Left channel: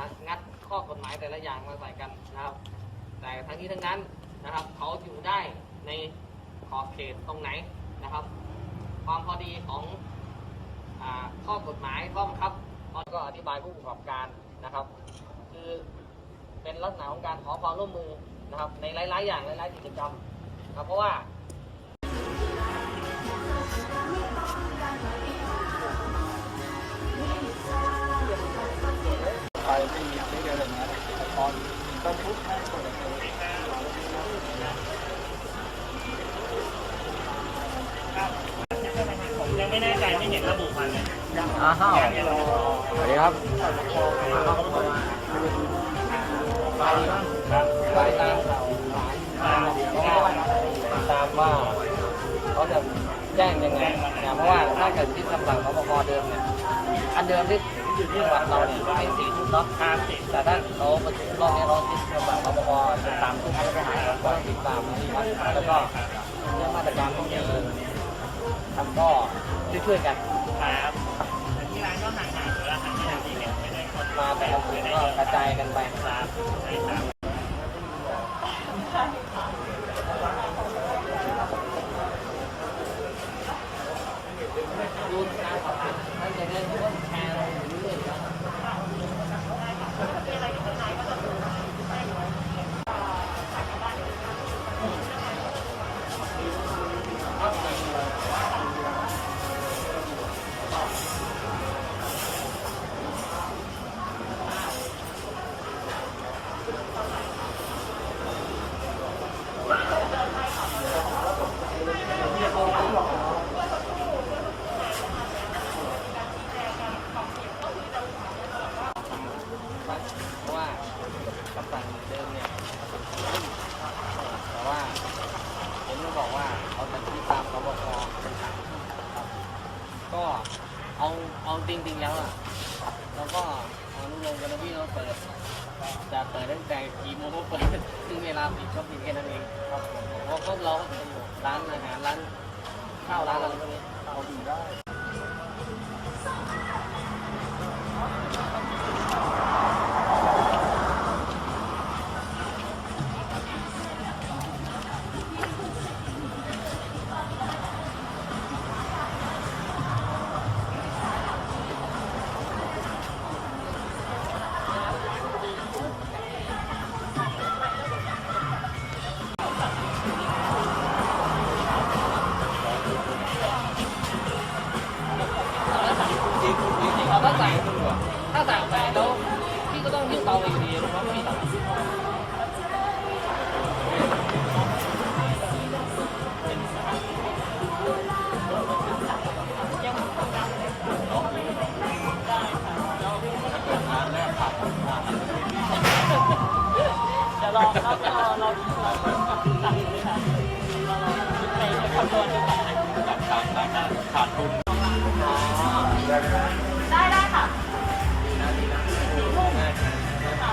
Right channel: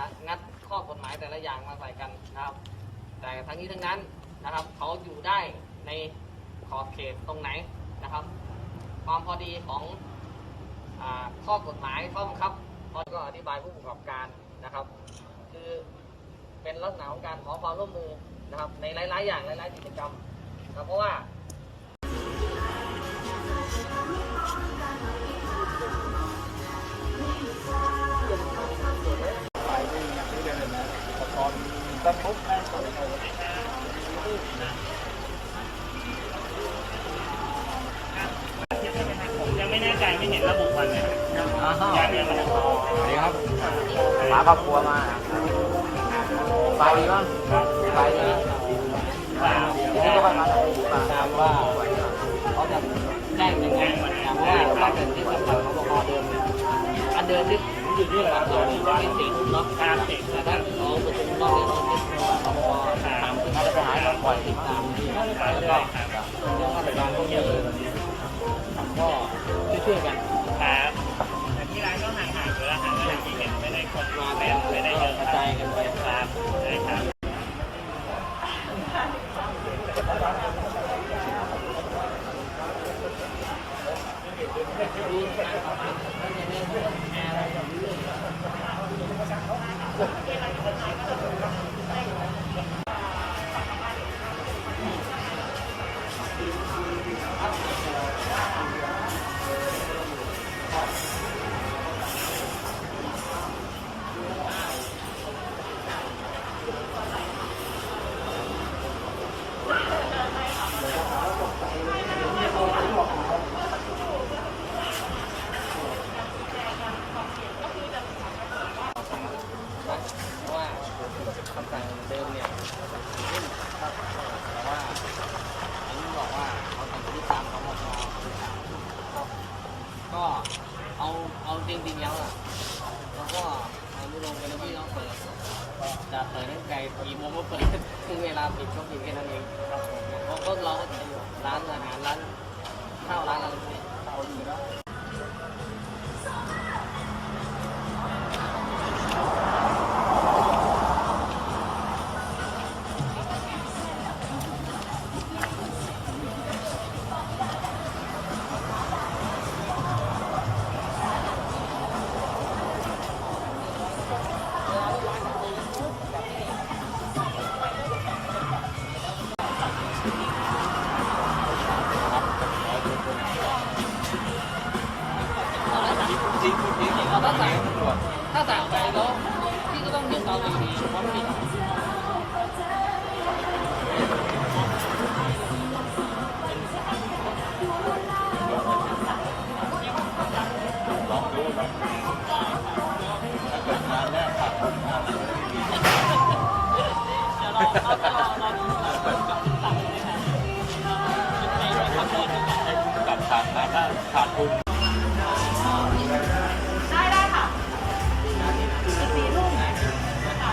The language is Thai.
นะงัดข้อกฎหมายแต่ละอย่างมาใส่กันนะครับ แต่ทั้งนี้ทั้งนั้นนะครับเขาอยู่ได้ในขอบเขตตรงไหนนะครับ ความพอดีของอข้อกฎหมายข้อบังคับเขาก็อธิบายผู้ประกอบการนะครับ คือเป็นลักษณะของการขอความร่วมมือนะครับ ในหลาย ๆ อย่างหลาย ๆ กิจกรรมนะเพราะว่า อะไรเลยนะตอนตอนทุบแม่ต้องไปผมยังไม่แน่ใจไม่เห็นระบุวันเลยยังยังรอเดี๋ยวครับหาครอบครัวมามาดีมั้งก็ตามข่าวสาตามว่าเขาจะแจ้งยังไงเพราะว่าถ้าเกิดที่คำสั่งของบกเดิมอันเดิมที่ จังหวัดเราเนี่ยไม่สี่ทุ่มเนาะคาเสกแต่ถ้าเขาประชุมรอบนี้เราคิดจังหวัดของบกสามทุ่มต้องติดตามนี่นะแล้วก็มาตรการพวกนี้ก็ช่วยๆกันครับแต่ที่ร้านก็ห่างๆอยู่แล้วห่างๆที่เห็นไม่ได้คนมาไม่แต่ได้ละไม่ได้ก็เยอะกระจายกันไป เพราะว่าคำสั่งเดิมเนี่ยรุ่นครับแต่ว่า ห็นเขาบอกว่าเขาตัดยึดตามสบคเป็นสามทุ่มครับ ก็เอาเอาจริงๆแล้วอะเราก็อนุโลมกันนะพี่เนาะเปิด จะเปิดตั้งแต่กี่โมงก็เปิดถึงเวลาปิดก็ปิดแค่นั้นเองครับผมเพราะก็เราก็จะอยู่ร้านอาหารร้านข้าวร้านอะไรพวกนี้เอาอยู่ได้ เอาถ้าสั่งถ้าสั่งไปแล้วพี่ก็ต้องยื่นเตาอยู่ดีเพราะไม่มีเตาลองดูลองดูถ้าเกิดงานแรกขาดคนงานอาจจะได้ดีเดี๋ยวลองเราเราเรากับสั่งเลยค่ะเราไปคำนวณดูค่ะให้ผู้กับขาดมาถ้าขาดทุน ได้ได้ค่ะสิบสี่ทุ่มค่ะ